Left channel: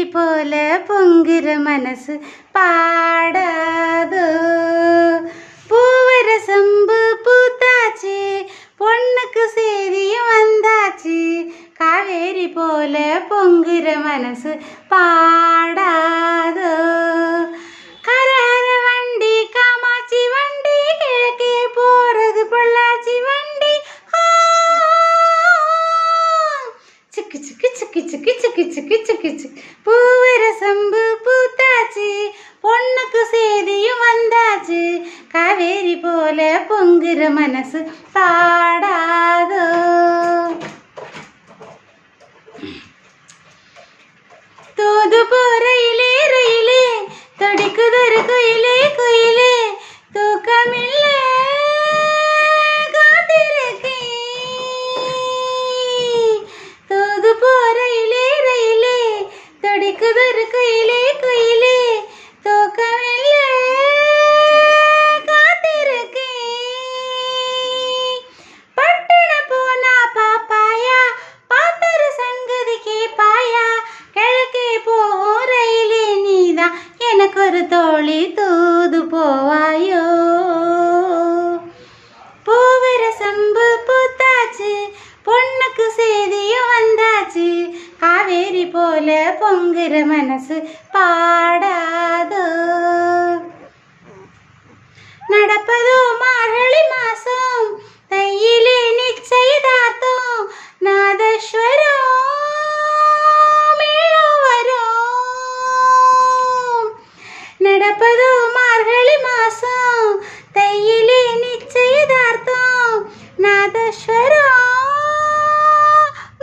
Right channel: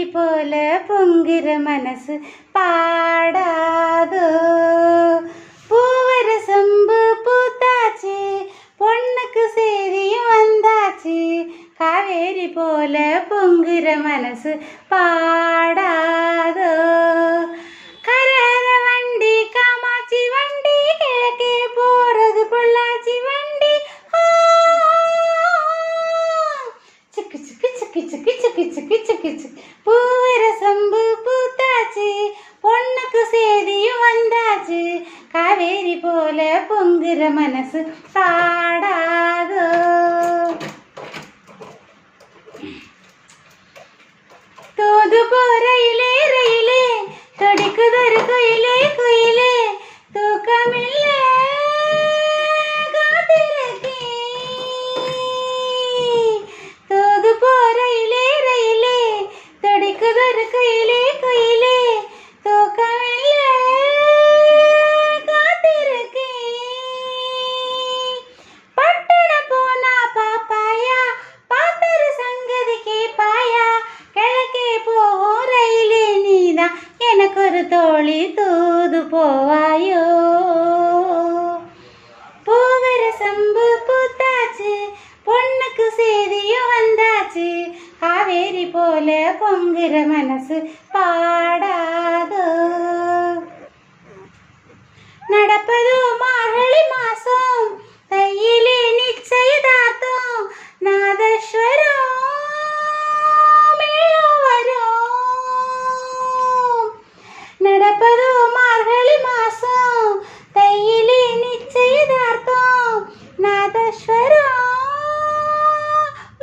காவேரி போல பொங்குற மனசு பாடாதோ. பூவர சம்பு பூத்தாச்சு, பொண்ணுக்கு செய்தியும் வந்தாச்சு. காவேரி போல பொங்குற மனசு பாடாதோ. கரார வண்டி காமாட்சி வண்டி, கிழக்கே போறது பொள்ளாச்சி வண்டி. சிக்கு சிக்கு சிக்கு சிக்கு சிக்கு சிக்கு சிக்கு சிக்கு. பூவர சம்பு பூத்தாச்சு, பொண்ணுக்கு செய்தியும் வந்தாச்சு. காவேரி போல பொங்குற மனசு பாடாதோ. தூது போறையிலே ரயிலே, துடிக்குதொரு குயிலே குயிலே. தூக்கமில்லை காத்திருக்கேன். தூது போறையிலே ரயிலே, துடிக்குதொரு குயிலே குயிலே. தூக்கமில்லை காத்திருக்கேன். பட்டணம் போனா பாப்பாயா, பார்த்தொரு சங்கதி கேப்பாயா. கிழக்கே போகும் ரயிலே நீதான், எனக்கு ஒரு தோழி தூது போவாயோ. பூவர சம்பு பூத்தாச்சு, பொண்ணுக்கு செய்தியும் வந்தாச்சு. காவேரி போல பொங்குற மனசு பாடாதோ. நடப்பதோ மார்கழி மாசம், தையிலே நிச்சயதார்த்தம். நாதஸ்வரம் மேலும் வரும். நடப்பதோ மார்கழி மாசம், தையிலே நிச்சயதார்த்தம். நாதஸ்வரம்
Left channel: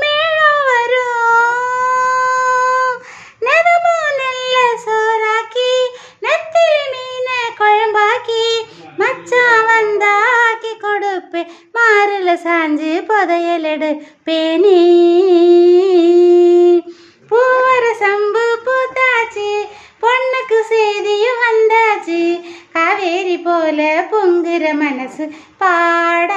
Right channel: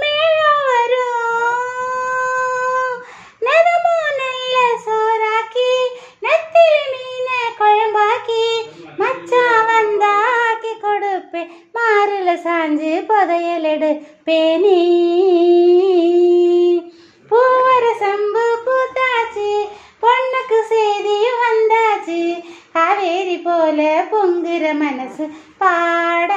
மேலும் வரும். நதமோ நல்ல சோறாக்கி, நெத்திலி மீன குழம்பாக்கி. மச்சான் வந்தாக்கி கொடுப்பேன், மாறுல சாஞ்சு புதையலெடு பேணி. பூவர சம்பு பூத்தாச்சு, பொண்ணுக்கு செய்தியும் வந்தாச்சு. காவேரி போல பொங்குற மனசு பாடா.